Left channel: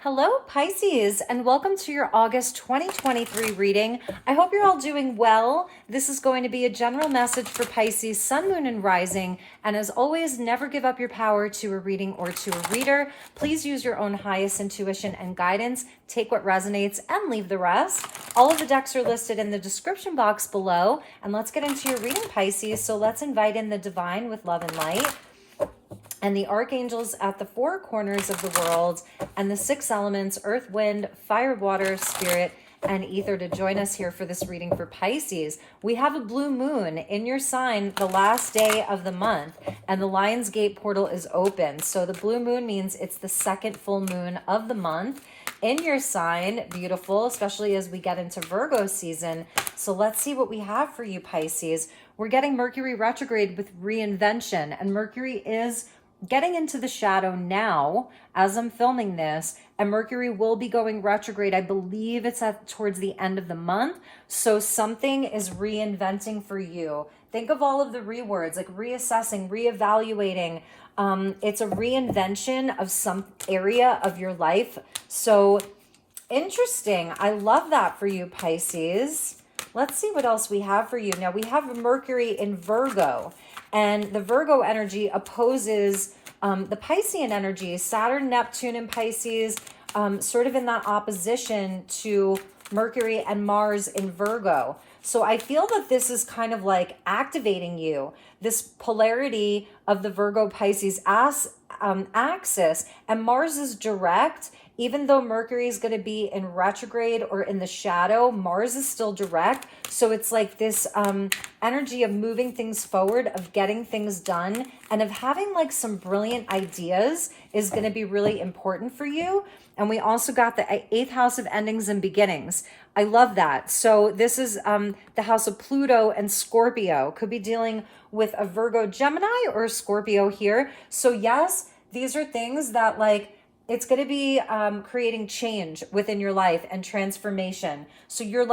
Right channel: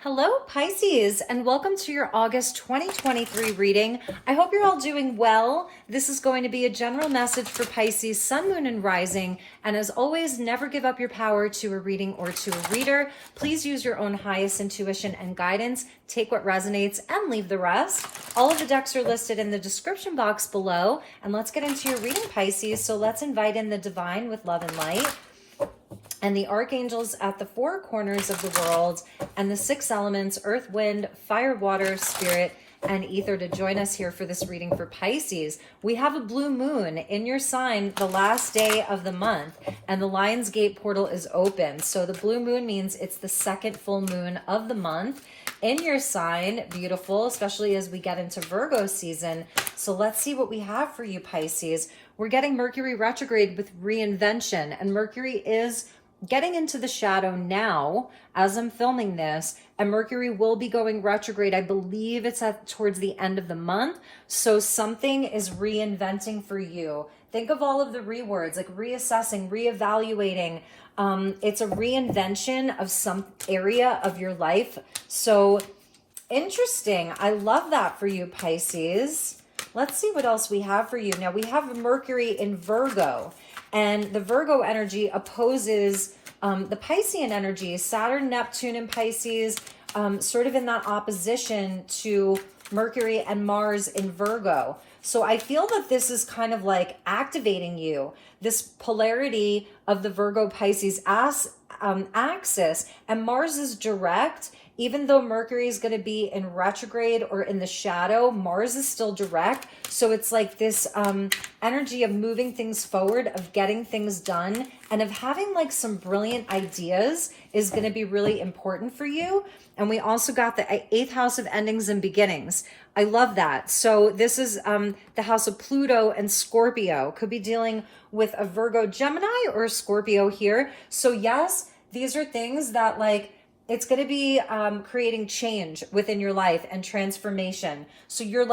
Hello, Pisces, and welcome to your August 2023 reading. I hope you're all doing well. This is going to be a general message for Pisces, Sun, Moon, and Rising. And as always, never give up your power to a reading or to a reader. Please use your own highest intuition and guidance. Take what resonates and leave the rest. All of the decks are listed in the description box below. And let's get into your reading, Pisces. So let's invite in the divine with love and light, and the archangels at the four corners of the world, and the six elements, earth, wind, fire, water, spirit, and ether, to join us here for this reading for Pisces. We have a blue moon in your sign the last day of the month, and the Lion's Gate portal is open. So the blue moon means it's the second full moon of the month in your sign. Beautiful, especially as we get into Virgo season. So let's see what we have for you, Pisces. We're getting Mercury retrograde with reinvention, and Mercury is getting into the shadow now as I'm filming this, and Mercury will be going retrograde. I believe it's towards the end of the month. So something is reinventing for you. Think of all of the rewords, like reassessing, reevaluating. It's a reinvention of some area of your life. So interesting. I love that for you, Pisces. Let's see what else we have for you. Now we have Mercury in Virgo, and the Virgo energy opposes the Piscean energy. Saturn, Neptune, and Pisces, sort of in that opposition to Mercury and Mars in Virgo. So I feel that this is kind of like activating you, this polarity of the Virgo Pisces axis, and Mars is direct. Even though Mercury is going to be in retrograde or in the shadow, Mars is still direct. So it's like this energy of moving things forward, of getting things done, and of having like some brilliant ideas is going to be really important for you. And we also got the 8th house of endings and beginnings. I love that. So this is the house of Pluto and Scorpio. Could be dealing with a Virgo, Gemini, or a Scorpio here. So yes, these are things that like, it's going to be creating change within your life and transformation. So you're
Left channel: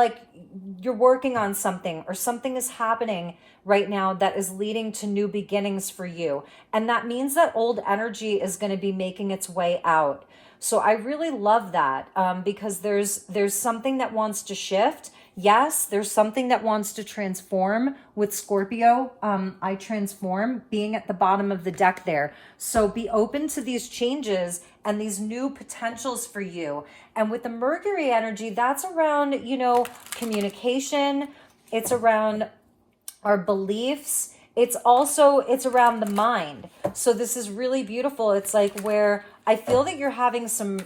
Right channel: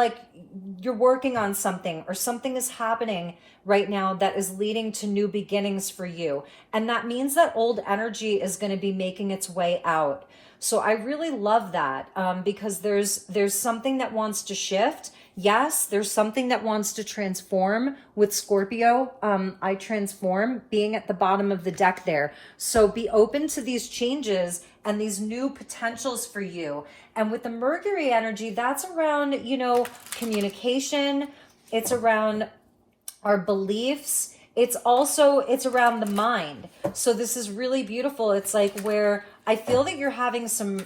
working on something, or something is happening right now that is leading to new beginnings for you. And that means that old energy is going to be making its way out. So I really love that because there's something that wants to shift. Yes, there's something that wants to transform with Scorpio. I transform being at the bottom of the deck there. So be open to these changes and these new potentials for you. And with the Mercury energy, that's around, communication. It's around our beliefs. It's around the mind. So this is really beautiful. It's like where I feel that you're having some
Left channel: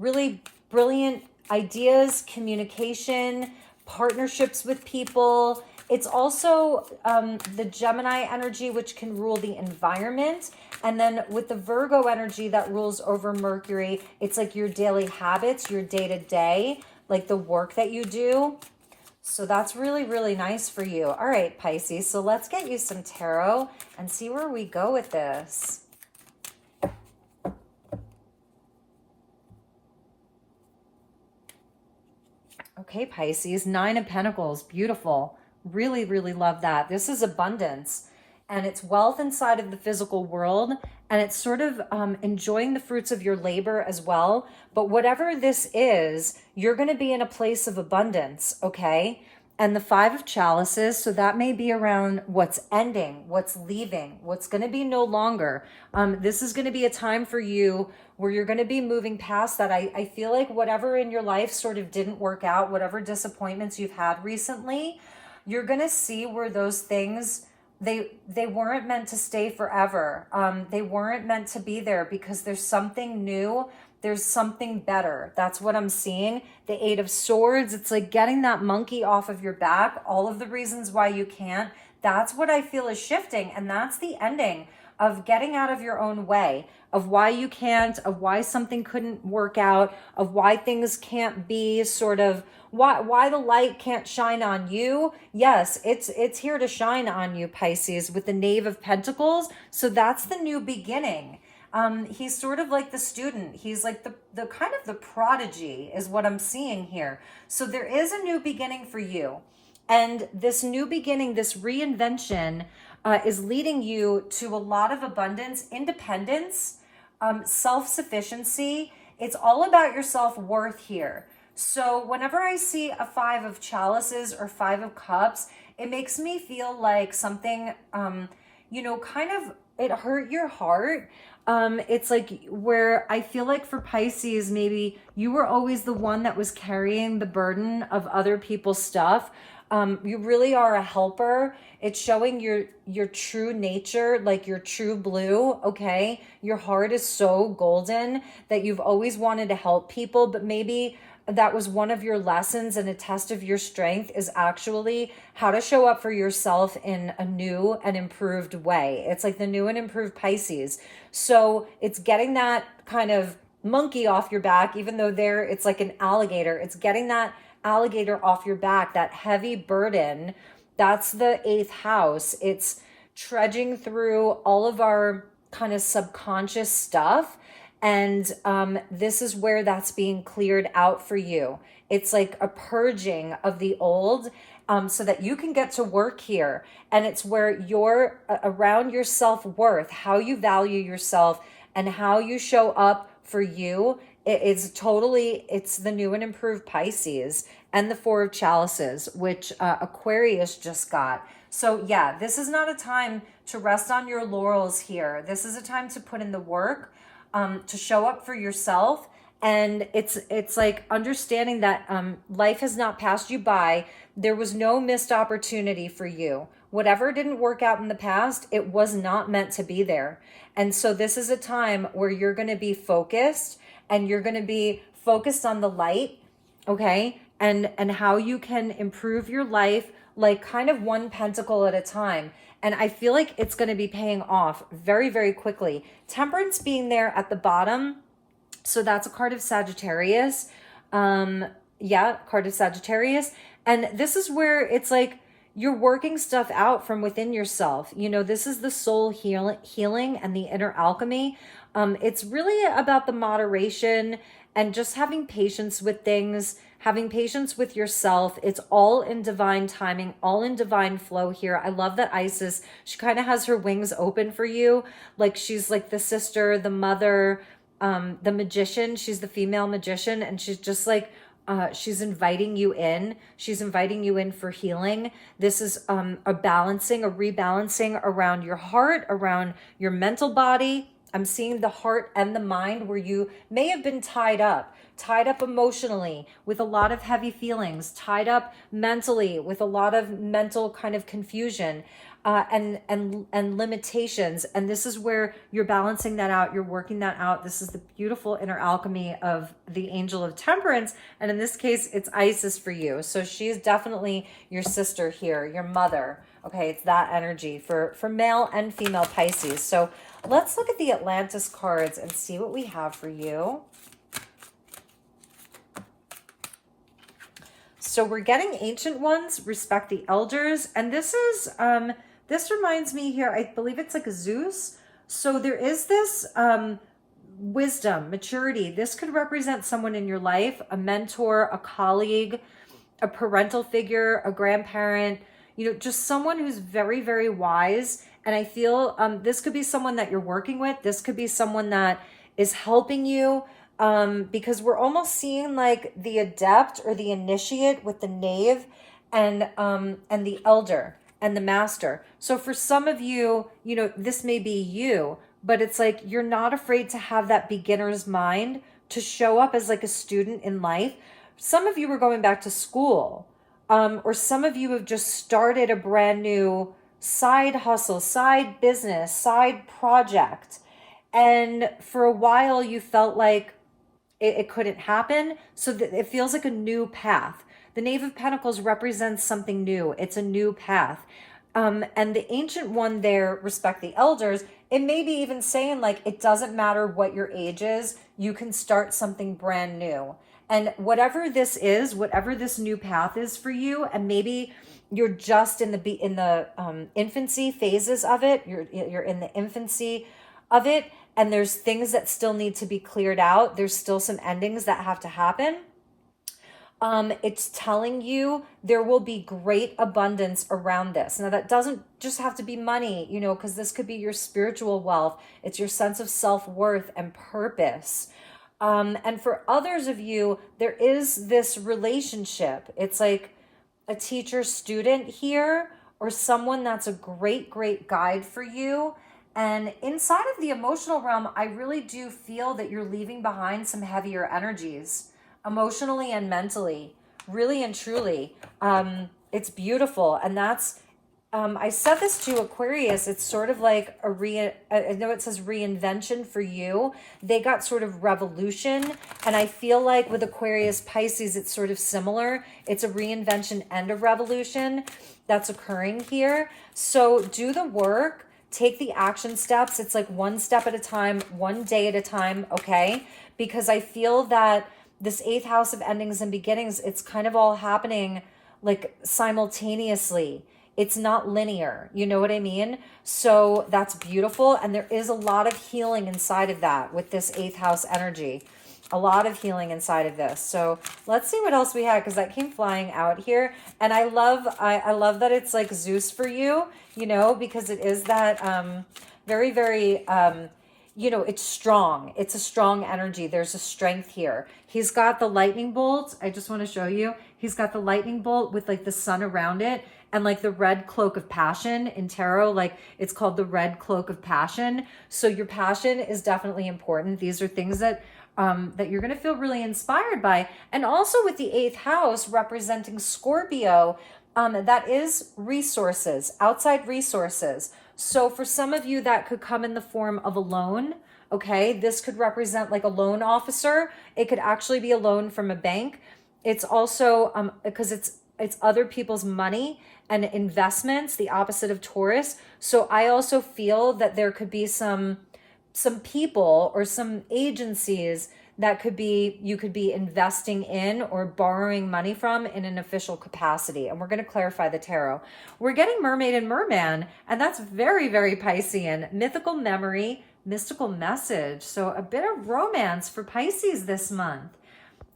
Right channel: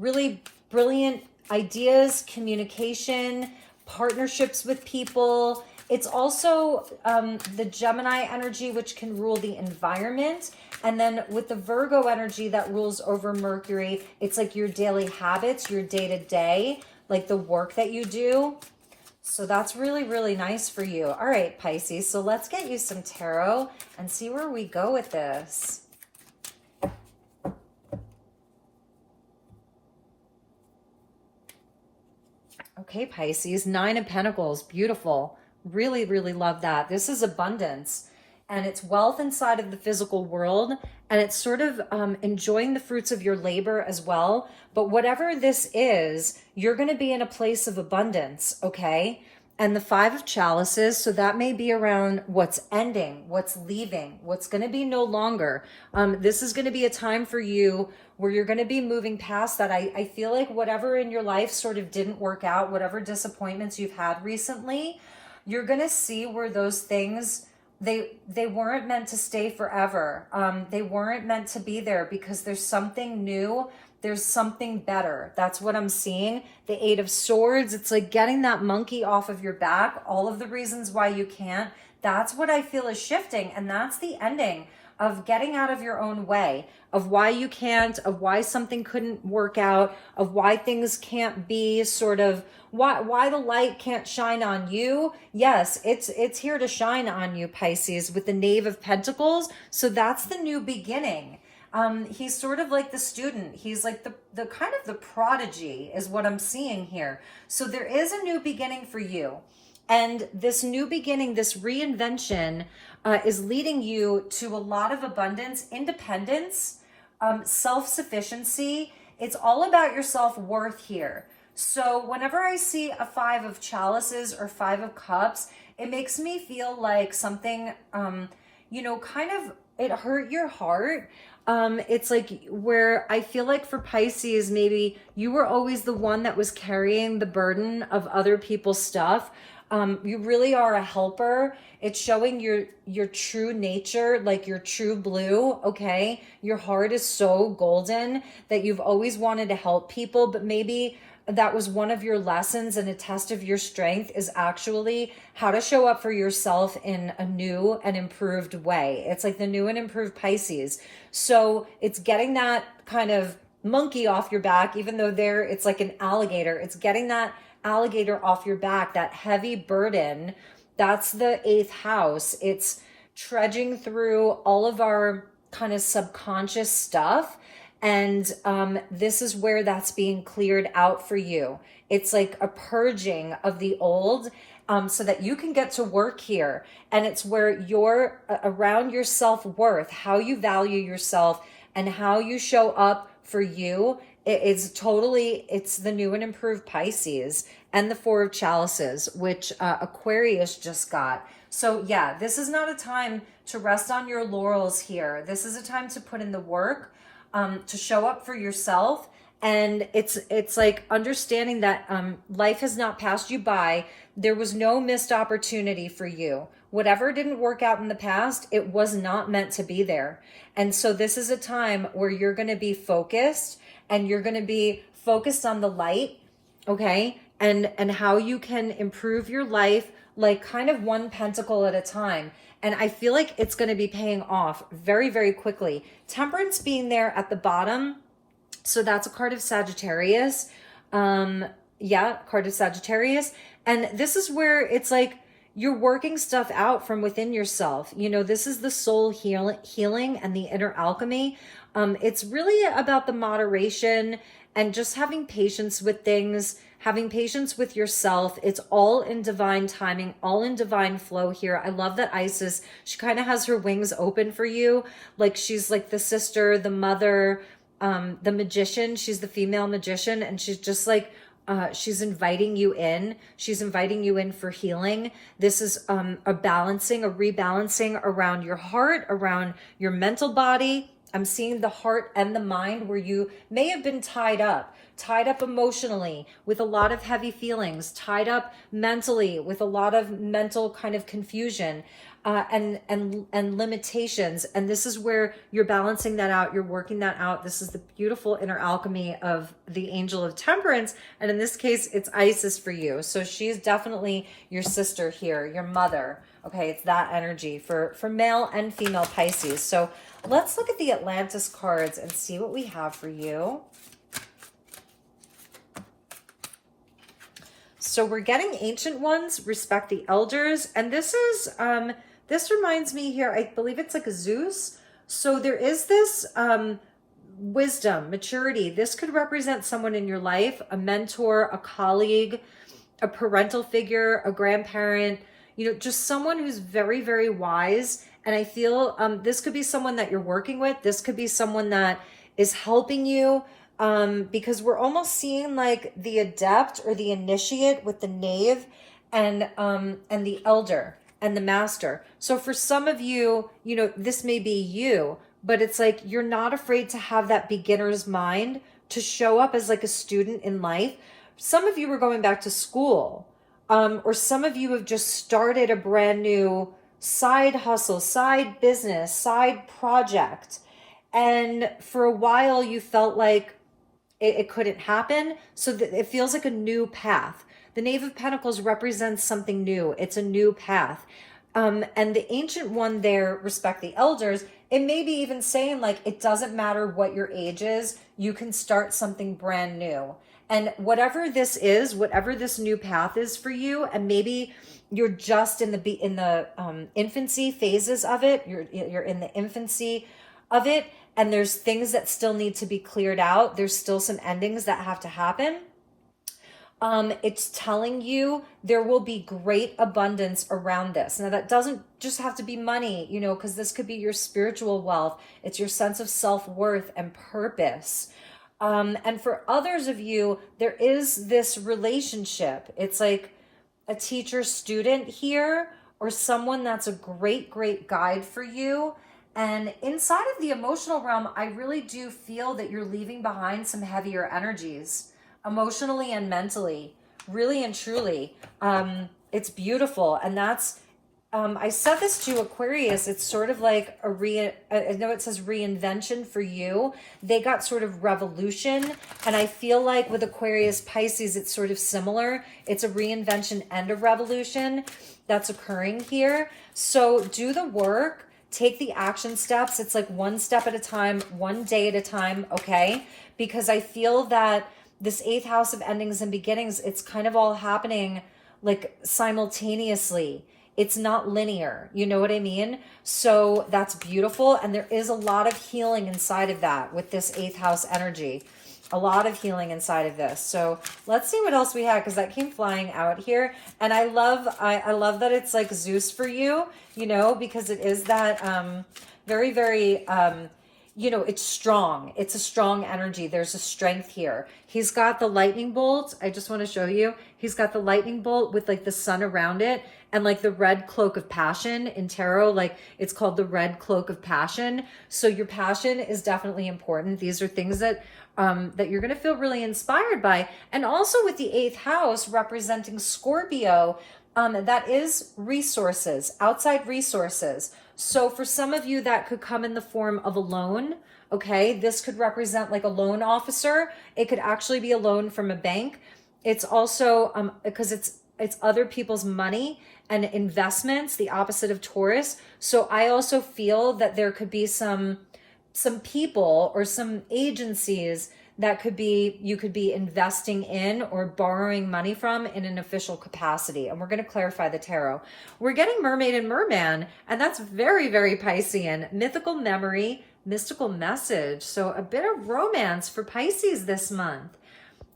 really brilliant ideas, communication, partnerships with people. It's also the Gemini energy, which can rule the environment. And then with the Virgo energy that rules over Mercury, it's like your daily habits, your day-to-day, like the work that you do. So that's really, really nice for you. All right, Pisces. So let's get you some tarot and see where we go with this. Okay, Pisces, 9 of Pentacles, beautiful. Really, really love that. This is abundance, and it's wealth inside of the physical world, and it's sort of enjoying the fruits of your labor as well. But whatever this is, you're going to be in a place of abundance, okay? And the 5 of Chalices, so that may be around what's ending, what's leaving, what's going to be no longer. This is going to be a time for you where you're going to be moving past that. I feel like whatever in your life sort of didn't work out, whatever disappointments you've had recently, you're going to see where those things, they weren't meant to stay forever. They weren't meant to be there because there's something new. There's something better. That's what I'm seeing. The 8 of Swords, it's like getting that monkey off of your back. All of the reasons why you can't. That's what I feel is shifting. And that's the ending of getting out of your own way, of why you can't, of why something couldn't work out, of why things can't be sort of, why the light can't shine on you. Yes, it's here to shine on you, Pisces, with the Knave of Pentacles. So that's the new beginning. He's sort of like the student. He's like the kind of the prodigy is what I'm seeing here. So there is a new beginning for you. And this new beginning, this reinvention is leading you to a lot of abundance, independence, self-sufficiency. It's all about your self-worth here. So whenever I see a 5 of chalices or 5 of cups, it makes me feel like something, kind of, it hurt your heart. It's like where I feel like for Pisces, maybe you were always the one that was carrying the burden of other people's stuff. You really are a helper. It's showing your true nature, like your true blue, okay? Your heart is so golden that you've always wanted to help people, but maybe that was one of your lessons, and a test of your strength is actually how to show up for yourself in a new and improved way. It's like the new and improved Pisces. So it's getting that kind of monkey off your back, even though it's like an alligator. It's getting that alligator off your back, that heavy burden. That's the 8th house. It's trudging through all of our kind of subconscious stuff. And this is where that's being cleared out for you. It's like a purging of the old, so that you can get to work here. And it's where you're around your self-worth, how you value yourself and how you show up for you. It's the new and improved Pisces and the 4 of chalices, which Aquarius just got. So yeah, this is not a time to rest on your laurels here. This is a time to put in the work, to show up for yourself. And it's like understanding that life has not passed you by. There was no missed opportunity for you. Whatever didn't work out in the past, it was not meant to be there. And so this is a time where you're going to be focused, and you're going to be focused on the light, okay? And how you can improve your life, like kind of one pentacle at a time. And I feel like it's going to be paying off very, very quickly. Temperance being there at the bottom. So that's a card of Sagittarius. Card of Sagittarius. And this is where it's like you're working stuff out from within yourself. This is the soul healing and the inner alchemy. It's really about the moderation and just having patience with things, having patience with yourself. It's all in divine timing, all in divine flow here. I love that Isis, she kind of has her wings open for you. Like she's like the sister, the mother, the magician. She's the female magician, and she's just like, she's inviting you in. She's inviting you in for healing. This is a rebalancing around your heart, around your mental body. I'm seeing the heart and the mind where you may have been tied up emotionally with a lot of heavy feelings, tied up mentally with a lot of mental kind of confusion, and limitations. And this is where you're balancing that out. You're working that out. This is the beautiful inner alchemy of the angel of temperance. And in this case, it's Isis for you. So she's definitely your sister here, your mother. Okay, it's that energy for male and female Pisces. So let's look at the Atlantis cards and see what we have for you. So we're getting ancient ones, respect the elders. And this is, this reminds me here, I believe it's like a Zeus. So there is this wisdom, maturity. This could represent someone in your life, a mentor, a colleague, a parental figure, a grandparent, just someone who's very, very wise. And I feel this could be someone that you're working with. This could be someone that is helping you, because we're almost seeing like the adept or the initiate with the knave and the elder and the master. So for some of you, this may be you, but it's like you're not afraid to have that beginner's mind, to show up as like a student in life. Some of you are going back to school. Or some of you have just started a brand new side hustle, side business, side project. And for a while you felt like it couldn't happen. So it feels like a new path. The Knave of Pentacles represents something new. It's a new path. And the ancient one there, respect the elders, it may be even saying like, it doesn't matter what your age is, you can start something brand new. And whatever this is, whatever this new path is for you, and maybe you're just in the infancy phases of it. You're in the infancy of it, and there's things that still need to be cleared out. There's still some endings that have to happen. It's telling you there will be great abundance around this. Now that doesn't just have to be money, because this could be your spiritual wealth. It's your sense of self-worth and purpose. And for others of you, there is this relationship. It's like a teacher student here, or someone that's a great, great guide for you. And inside of the emotional realm, I really do feel that you're leaving behind some heavier energies, emotionally and mentally, really and truly. It's beautiful. And that's, I said this to Aquarius, it's sort of like I know it says reinvention for you. They got sort of revolution. And I feel like with Aquarius Pisces, it's sort of similar. It's a reinvention and a revolution that's occurring here. So do the work, take the action steps. It's like one step at a time, one day at a time, okay? Because I feel that this 8th house of endings and beginnings, it's kind of all happening like simultaneously. It's not linear, you know what I mean? So that's beautiful. And there is a lot of healing inside of that with this 8th house energy. A lot of healing inside of this. So let's see what else we have, because that came flying out here. And I love that it's like Zeus for you, you know, because it is that very, very, you know, it's strong. It's a strong energy. There's a strength here. He's got the lightning bolt. I just want to show you. He's got the lightning bolt with like the sun around it, and like the red cloak of passion in tarot, like it's called the red cloak of passion. So your passion is definitely important. These are things that that you're going to feel really inspired by. And also with the 8th house representing Scorpio, that is resources, outside resources. So for some of you, that could come in the form of a loan. Okay, this could represent like a loan officer. It could actually be a loan from a bank. It's also because it's other people's money and investments, the opposite of Taurus. So I also feel that there could be some people or some agencies that could be, you could be investing in or borrowing money from in an official capacity. And we're going to clarify the tarot. We're getting Mermaid and Merman, and that's very, very Piscean. Mythical memory, mystical message. So a bit of romance for Pisces this month.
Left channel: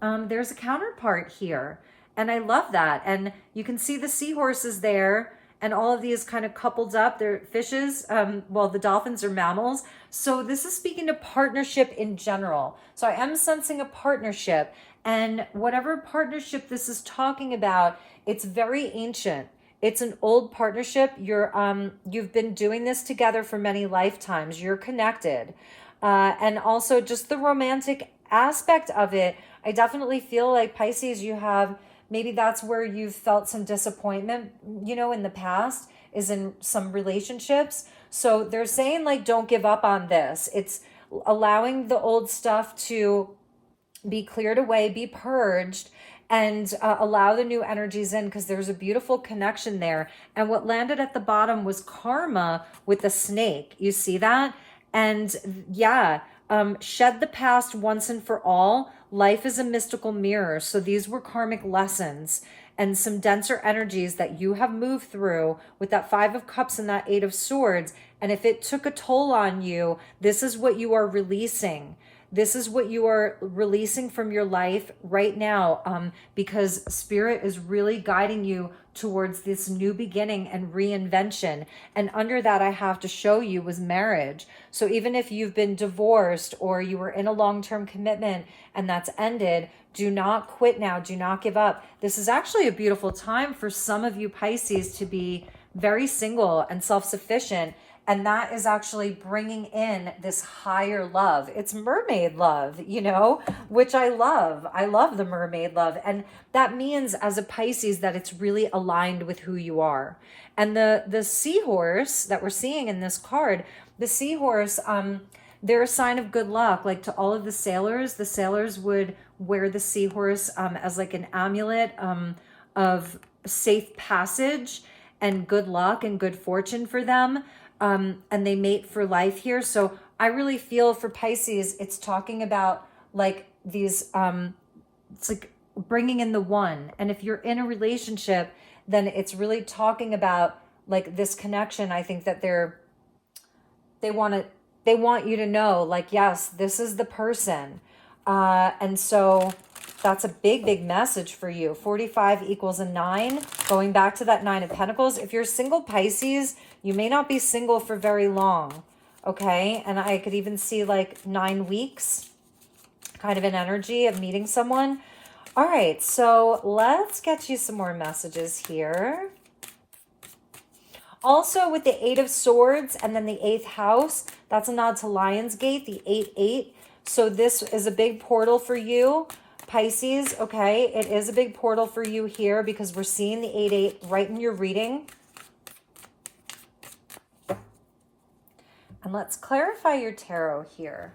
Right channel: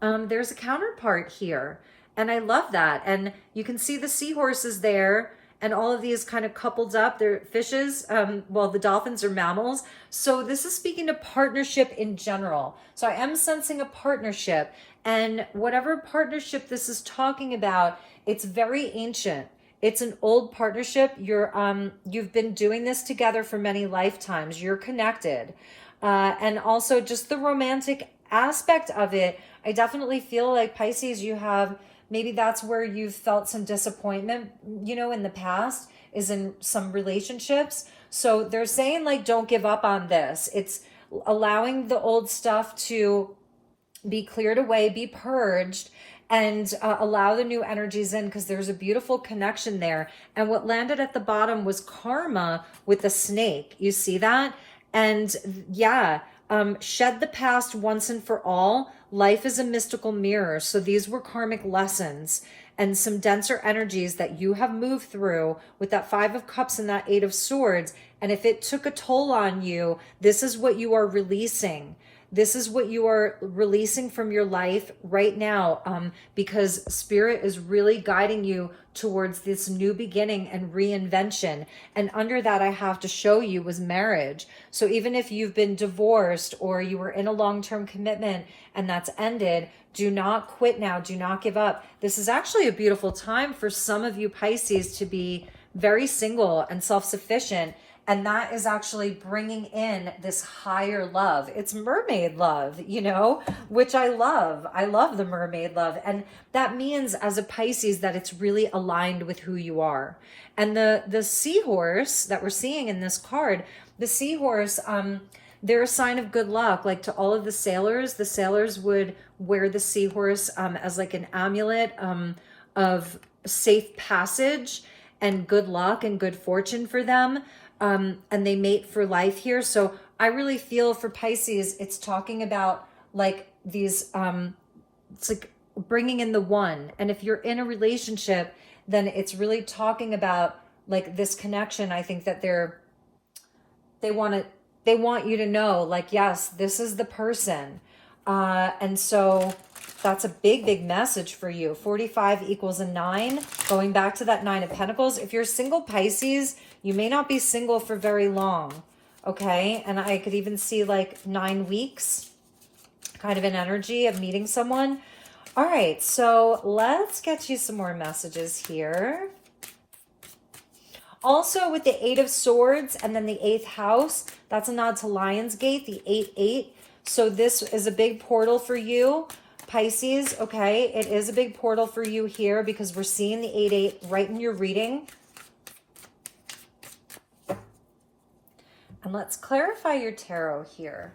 There's a counterpart here, and I love that. And you can see the seahorses there, and all of these kind of coupled up. They're fishes. Well, the dolphins are mammals. So this is speaking to partnership in general. So I am sensing a partnership, and whatever partnership this is talking about, it's very ancient. It's an old partnership. You've been doing this together for many lifetimes. You're connected. And also just the romantic aspect of it. I definitely feel like Pisces, you have, maybe that's where you've felt some disappointment, you know, in the past, is in some relationships. So they're saying like, don't give up on this. It's allowing the old stuff to be cleared away, be purged, and allow the new energies in, because there's a beautiful connection there. And what landed at the bottom was karma with the snake. You see that? And yeah, shed the past once and for all. Life is a mystical mirror. So these were karmic lessons and some denser energies that you have moved through with that 5 of Cups and that 8 of Swords. And if it took a toll on you, this is what you are releasing. This is what you are releasing from your life right now, because Spirit is really guiding you towards this new beginning and reinvention. And under that, I have to show you was marriage. So even if you've been divorced or you were in a long-term commitment and that's ended, do not quit now. Do not give up. This is actually a beautiful time for some of you Pisces to be very single and self-sufficient. And that is actually bringing in this higher love. It's mermaid love, you know, which I love. I love the mermaid love. And that means as a Pisces that it's really aligned with who you are. And the seahorse that we're seeing in this card, the seahorse, they're a sign of good luck. Like to all of the sailors would wear the seahorse as like an amulet of safe passage and good luck and good fortune for them. And they mate for life here. So I really feel for Pisces, it's talking about like these, it's like bringing in the one. And if you're in a relationship, then it's really talking about like this connection. I think that they want you to know like, yes, this is the person. And so that's a big, big message for you. 45 equals a 9. Going back to that 9 of Pentacles. If you're single Pisces, you may not be single for very long. Okay. And I could even see like 9 weeks. kind of an energy of meeting someone. All right, so let's get you some more messages here. Also with the 8 of Swords and then the 8th house, that's a nod to Lionsgate, the 8-8. So this is a big portal for you, Pisces. Okay, it is a big portal for you here because we're seeing the 8-8 right in your reading. And let's clarify your tarot here.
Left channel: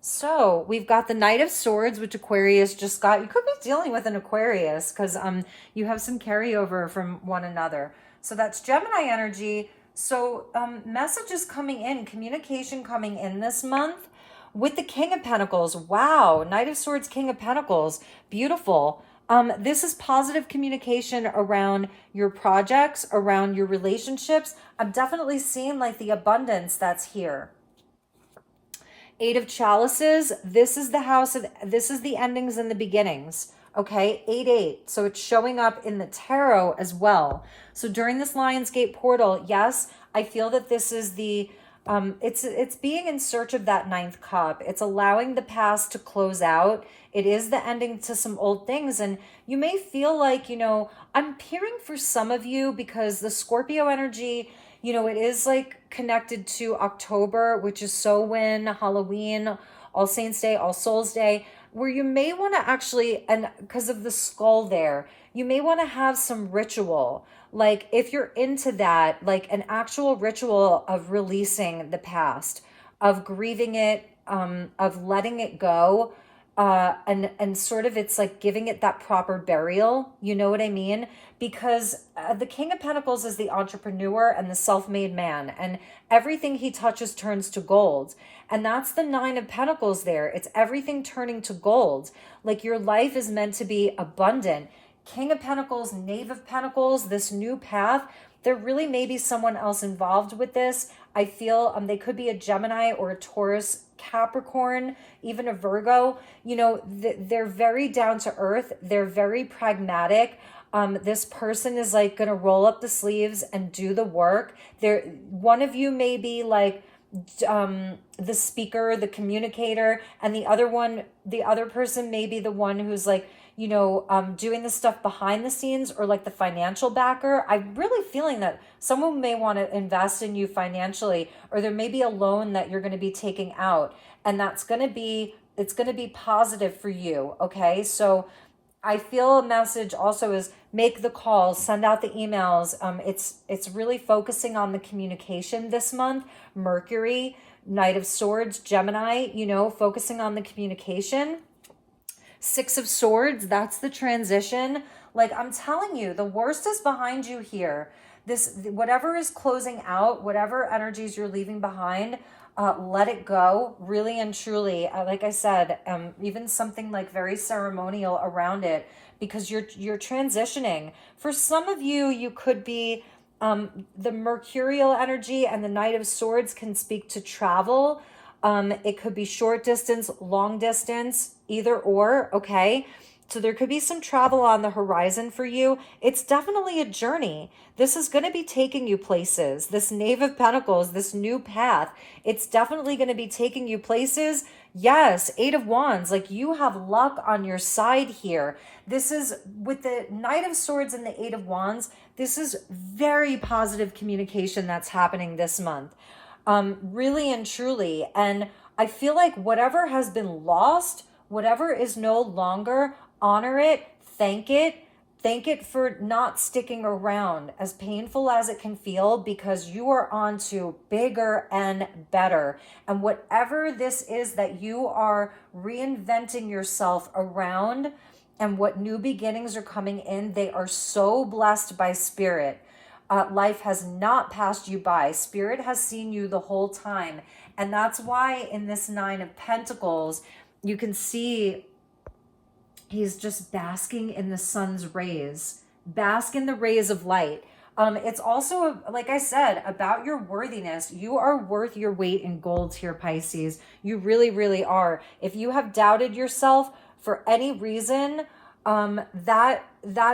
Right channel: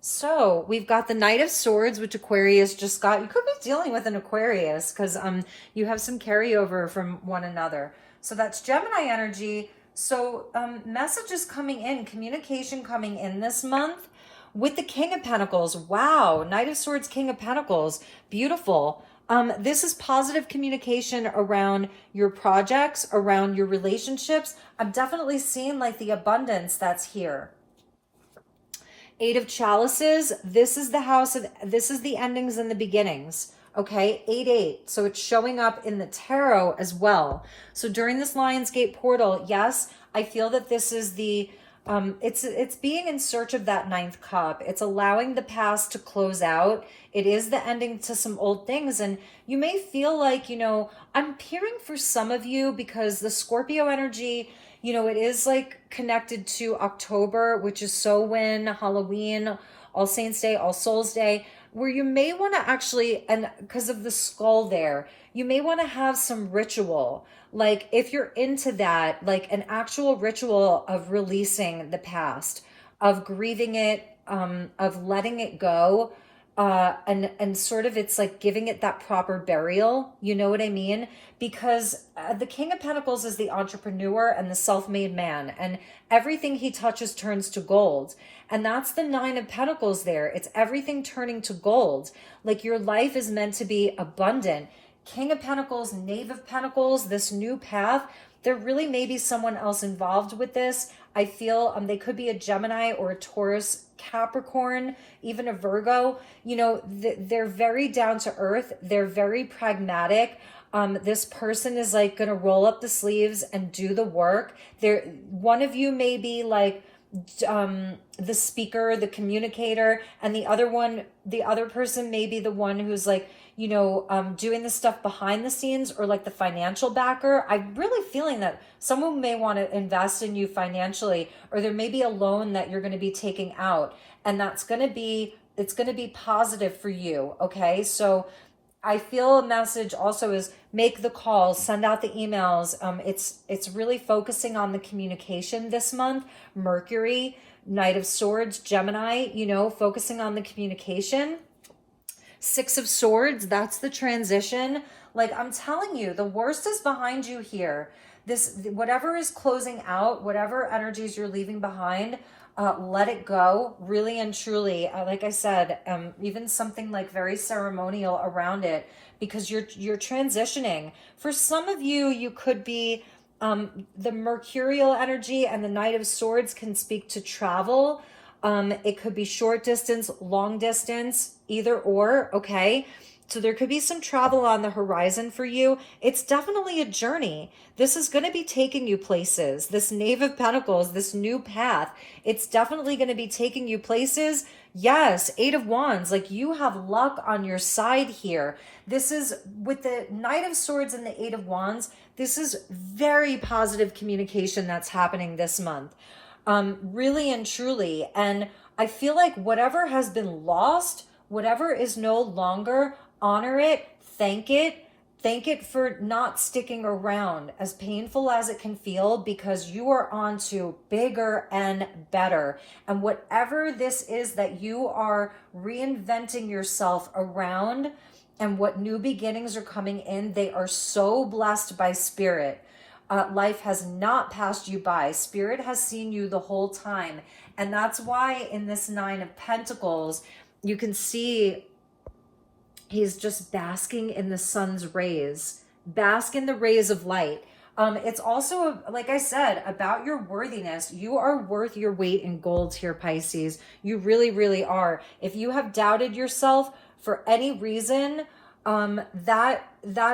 So we've got the Knight of Swords, which Aquarius just got. You could be dealing with an Aquarius because you have some carryover from one another. So that's Gemini energy. So messages coming in, communication coming in this month with the King of Pentacles. Wow, Knight of Swords, King of Pentacles. Beautiful. This is positive communication around your projects, around your relationships. I'm definitely seeing like the abundance that's here. 8 of Chalices, this is the house of, this is the endings and the beginnings, okay? 8-8, so it's showing up in the tarot as well. So during this Lionsgate portal, yes, I feel that this is the, it's being in search of that 9th cup. It's allowing the past to close out. It is the ending to some old things. And you may feel like, you know, I'm peering for some of you because the Scorpio energy, you know, it is like connected to October, which is Samhain, Halloween, All Saints Day, All Souls Day, where you may want to actually, and because of the skull there, you may want to have some ritual. Like if you're into that, like an actual ritual of releasing the past, of grieving it, of letting it go, and sort of it's like giving it that proper burial. You know what I mean? Because the King of Pentacles is the entrepreneur and the self-made man, and everything he touches turns to gold. And that's the 9 of Pentacles there. It's everything turning to gold. Like your life is meant to be abundant. King of Pentacles, Knave of Pentacles, this new path, there really may be someone else involved with this. I feel they could be a Gemini or a Taurus, Capricorn, even a Virgo. You know, they're very down to earth. They're very pragmatic. This person is like going to roll up the sleeves and do the work. One of you may be like the speaker, the communicator, and the other person may be the one who's like, you know, doing the stuff behind the scenes or like the financial backer. I'm really feeling that someone may want to invest in you financially, or there may be a loan that you're going to be taking out, and it's going to be positive for you. Okay. So I feel a message also is make the calls, send out the emails. It's really focusing on the communication this month. Mercury, Knight of Swords, Gemini, you know, focusing on the communication. 6 of Swords, that's the transition. Like I'm telling you, the worst is behind you here. Whatever is closing out, whatever energies you're leaving behind, let it go, really and truly. Like I said, even something like very ceremonial around it, because you're transitioning. For some of you, you could be the mercurial energy, and the Knight of Swords can speak to travel. It could be short distance, long distance, either or, okay? So there could be some travel on the horizon for you. It's definitely a journey. This is going to be taking you places. This Knave of Pentacles, this new path, it's definitely going to be taking you places. Yes, 8 of Wands, like you have luck on your side here. This is with the Knight of Swords and the 8 of Wands. This is very positive communication that's happening this month. Really and truly. And I feel like whatever has been lost, whatever is no longer, honor it, thank it for not sticking around, as painful as it can feel, because you are on to bigger and better. And whatever this is that you are reinventing yourself around, and what new beginnings are coming in, they are so blessed by Spirit. Life has not passed you by. Spirit has seen you the whole time. And that's why in this 9 of Pentacles, you can see he's just basking in the sun's rays. Bask in the rays of light. It's also, like I said, about your worthiness. You are worth your weight in gold here, Pisces. You really, really are. If you have doubted yourself for any reason, that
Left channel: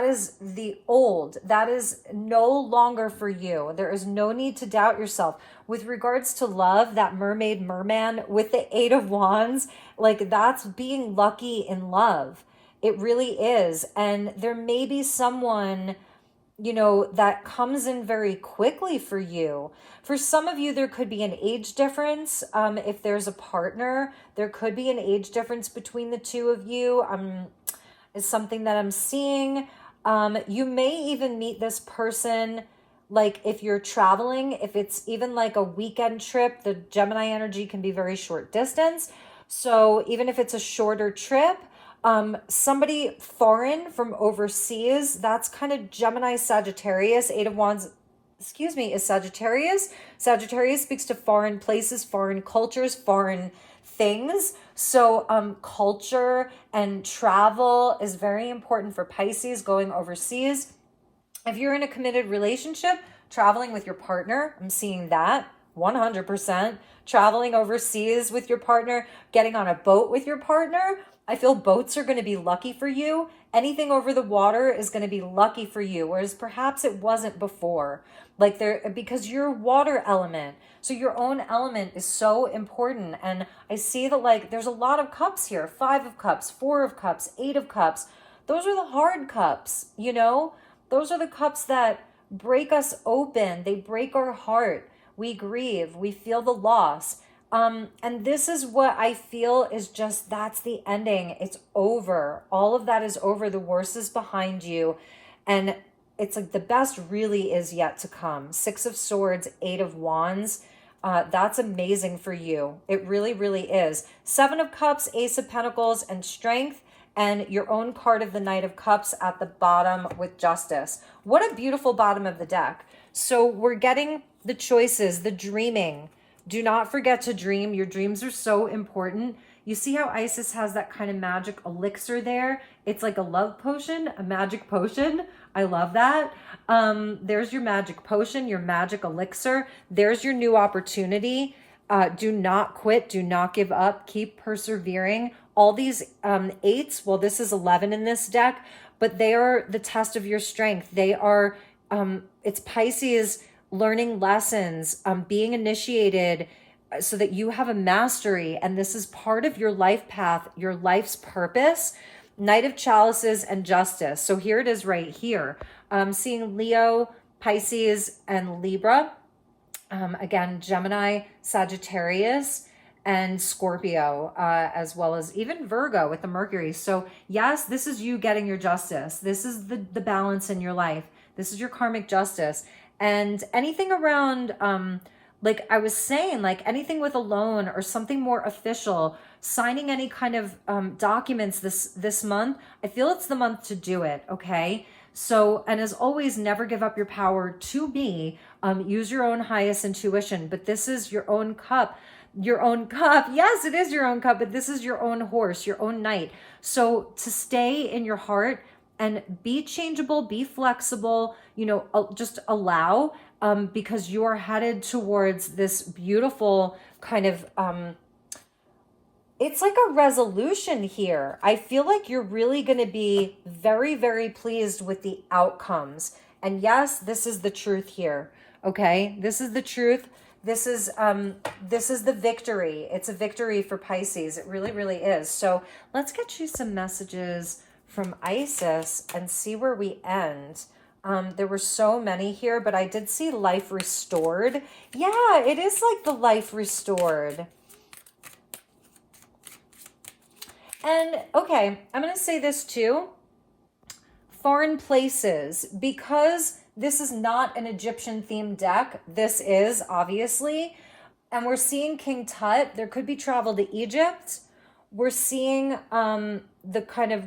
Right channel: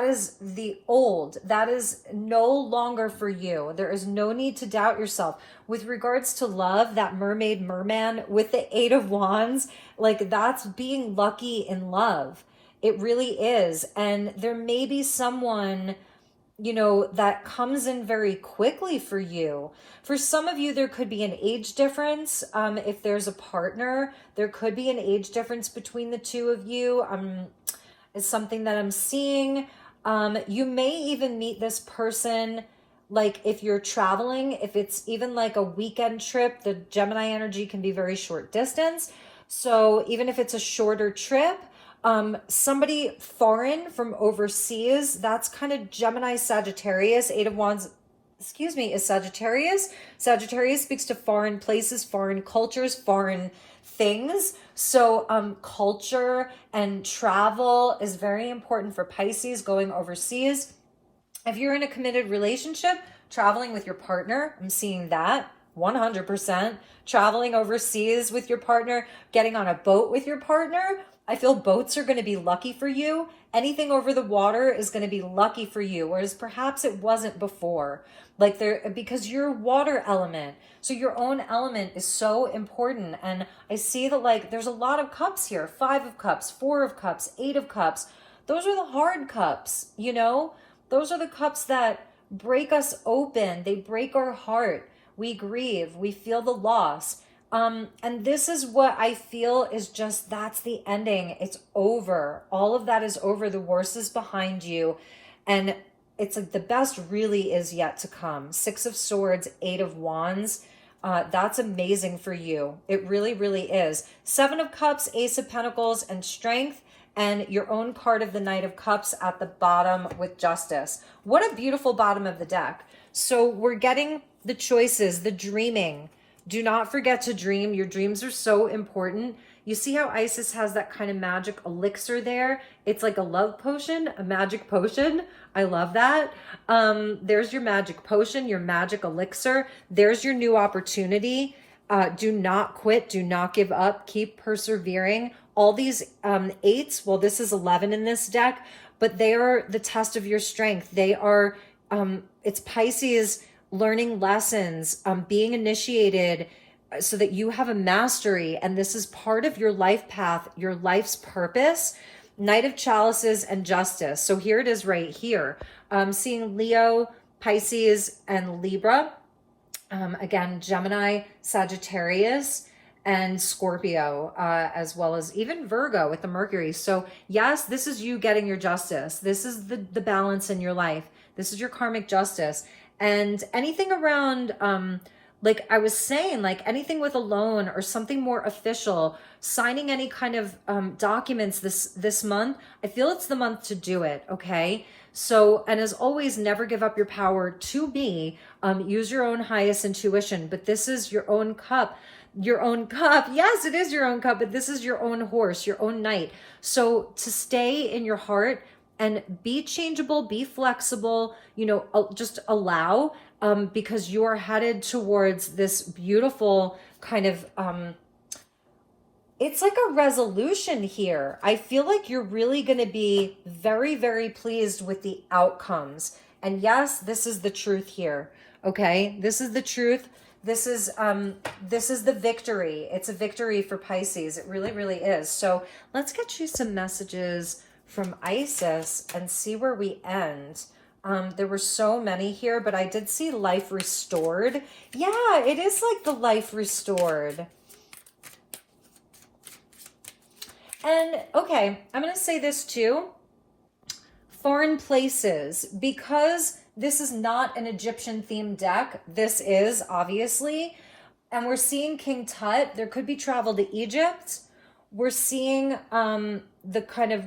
is the old. That is no longer for you. There is no need to doubt yourself. With regards to love, that mermaid, merman with the 8 of Wands, like that's being lucky in love. It really is. And there may be someone, you know, that comes in very quickly for you. For some of you, there could be an age difference. If there's a partner, there could be an age difference between the two of you. Is something that I'm seeing. You may even meet this person, like if you're traveling, if it's even like a weekend trip, the Gemini energy can be very short distance. So even if it's a shorter trip, somebody foreign from overseas, that's kind of Gemini, Sagittarius. 8 of Wands, excuse me, is Sagittarius. Sagittarius speaks to foreign places, foreign cultures, foreign things. So culture and travel is very important for Pisces, going overseas. If you're in a committed relationship, traveling with your partner, I'm seeing that 100%. Traveling overseas with your partner, getting on a boat with your partner. I feel boats are going to be lucky for you. Anything over the water is going to be lucky for you, whereas perhaps it wasn't before. Like because you're water element. So your own element is so important. And I see that like there's a lot of cups here. 5 of cups, 4 of cups, 8 of cups. Those are the hard cups, you know? Those are the cups that break us open. They break our heart. We grieve. We feel the loss. And this is what I feel is just, that's the ending. It's over. All of that is over. The worst is behind you. And it's like the best really is yet to come. 6 of Swords, 8 of Wands. That's amazing for you. It really, really is. 7 of Cups, Ace of Pentacles, and Strength, and your own card of the Knight of Cups at the bottom with Justice. What a beautiful bottom of the deck. So we're getting the choices, the dreaming. Do not forget to dream. Your dreams are so important. You see how Isis has that kind of magic elixir there? It's like a love potion, a magic potion. I love that. There's your magic potion, your magic elixir. There's your new opportunity. Do not quit. Do not give up. Keep persevering. All these 8s, well, this is 11 in this deck, but they are the test of your strength. They are, it's Pisces learning lessons, being initiated so that you have a mastery. And this is part of your life path, your life's purpose. Knight of Chalices and Justice. So here it is right here. Seeing Leo, Pisces, and Libra. Again, Gemini, Sagittarius, and Scorpio, as well as even Virgo with the Mercury. So yes, this is you getting your justice. This is the balance in your life. This is your karmic justice. And anything around, like I was saying, like anything with a loan or something more official, signing any kind of documents this month, I feel it's the month to do it, okay? So, and as always, never give up your power to be. Use your own highest intuition, but this is your own cup. Your own cup. Yes, it is your own cup, but this is your own horse, your own knight. So to stay in your heart and be changeable, be flexible, you know, just allow, because you're headed towards this beautiful kind of, it's like a resolution here. I feel like you're really going to be very, very pleased with the outcomes. And yes, this is the truth here. Okay. This is the truth. This is the victory. It's a victory for Pisces. It really, really is. So let's get you some messages from Isis and see where we end. There were so many here, but I did see life restored. Yeah, it is like the life restored. And okay, I'm going to say this too. Foreign places, because this is not an Egyptian themed deck. This is obviously, and we're seeing King Tut. There could be travel to Egypt. We're seeing the kind of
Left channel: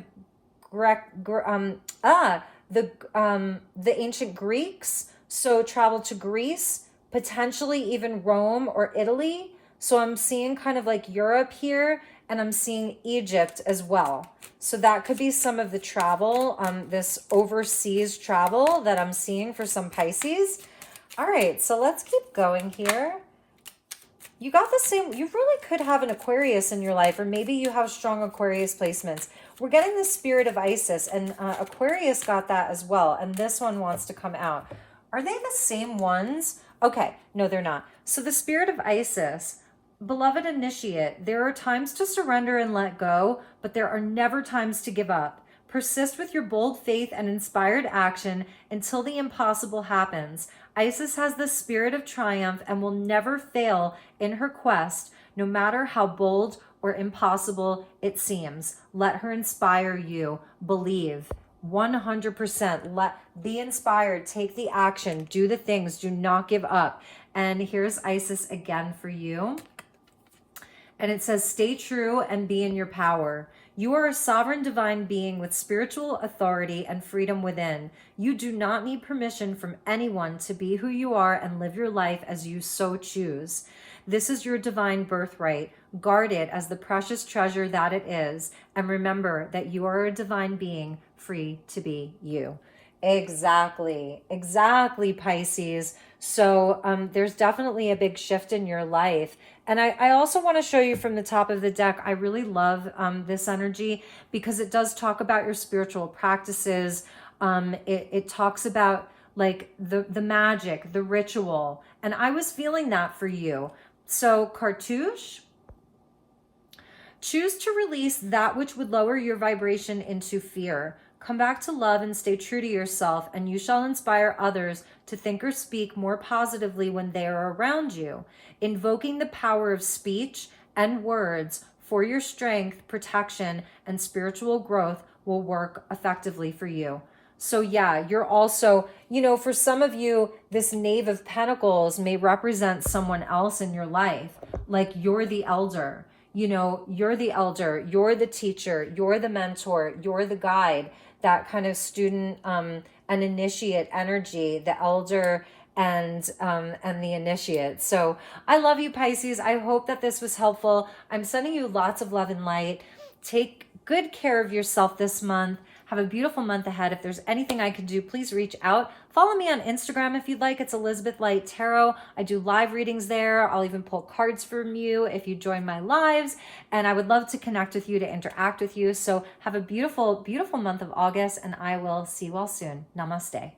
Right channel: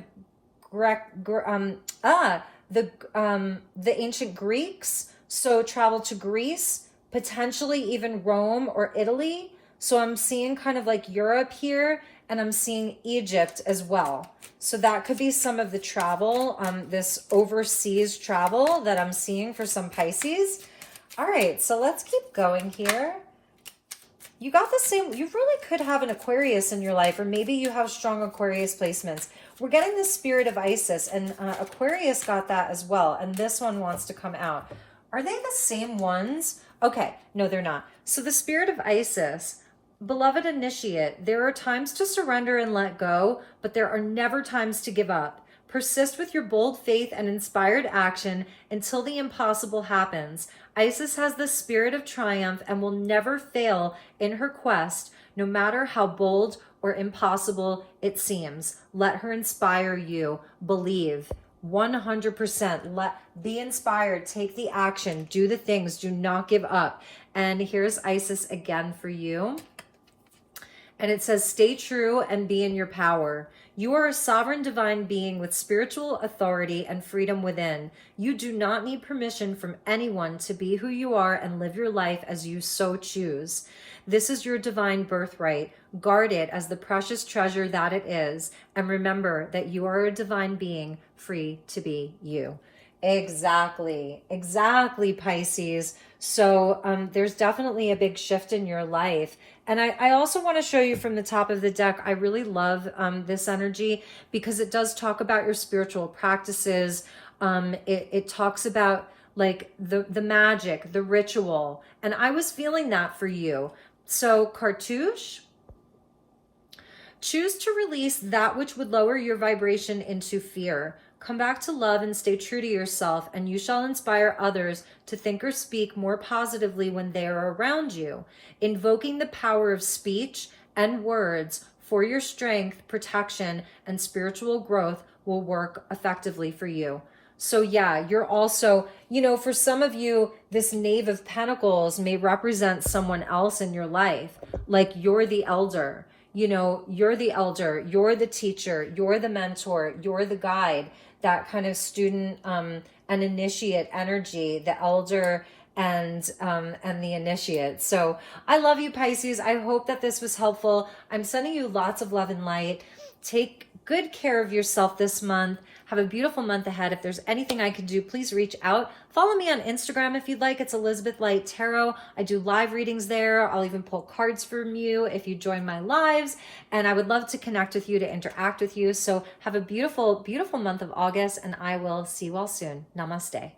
the ancient Greeks. So travel to Greece, potentially even Rome or Italy. So I'm seeing kind of like Europe here, and I'm seeing Egypt as well. So that could be some of the travel, this overseas travel that I'm seeing for some Pisces. All right, so let's keep going here. You got the same, you really could have an Aquarius in your life, or maybe you have strong Aquarius placements. we're getting the spirit of Isis, and Aquarius got that as well. And this one wants to come out. Are they the same ones? Okay, no, they're not. So the spirit of Isis, beloved initiate, there are times to surrender and let go, but there are never times to give up. Persist with your bold faith and inspired action until the impossible happens. Isis has the spirit of triumph and will never fail in her quest, no matter how bold or impossible it seems. Let her inspire you. Believe. 100%. Be inspired. Take the action. Do the things. Do not give up. And here's Isis again for you. And it says, stay true and be in your power. You are a sovereign divine being with spiritual authority and freedom within. You do not need permission from anyone to be who you are and live your life as you so choose. This is your divine birthright. Guard it as the precious treasure that it is. And remember that you are a divine being free to be you. Exactly, Pisces. So there's definitely a big shift in your life. And I also want to show you from the top of the deck, I really love this energy because it does talk about your spiritual practices. It talks about like the magic, the ritual. And I was feeling that for you. So Cartouche, choose to release that which would lower your vibration into fear. Come back to love and stay true to yourself, and you shall inspire others to think or speak more positively when they are around you. Invoking the power of speech and words for your strength, protection, and spiritual growth will work effectively for you. So yeah, you're also, you know, for some of you, this Knave of Pentacles may represent someone else in your life. Like you're the elder, you know, you're the elder, you're the teacher, you're the mentor, you're the guide. That kind of student and initiate energy, the elder and the initiate. So I love you, Pisces. I hope that this was helpful. I'm sending you lots of love and light. Take good care of yourself this month. Have a beautiful month ahead. If there's anything I can do, please reach out. Follow me on Instagram if you'd like. It's Elizabeth Light Tarot. I do live readings there. I'll even pull cards from you if you join my lives. And I would love to connect with you, to interact with you. So have a beautiful, beautiful month of August, and I will see you all soon. Namaste.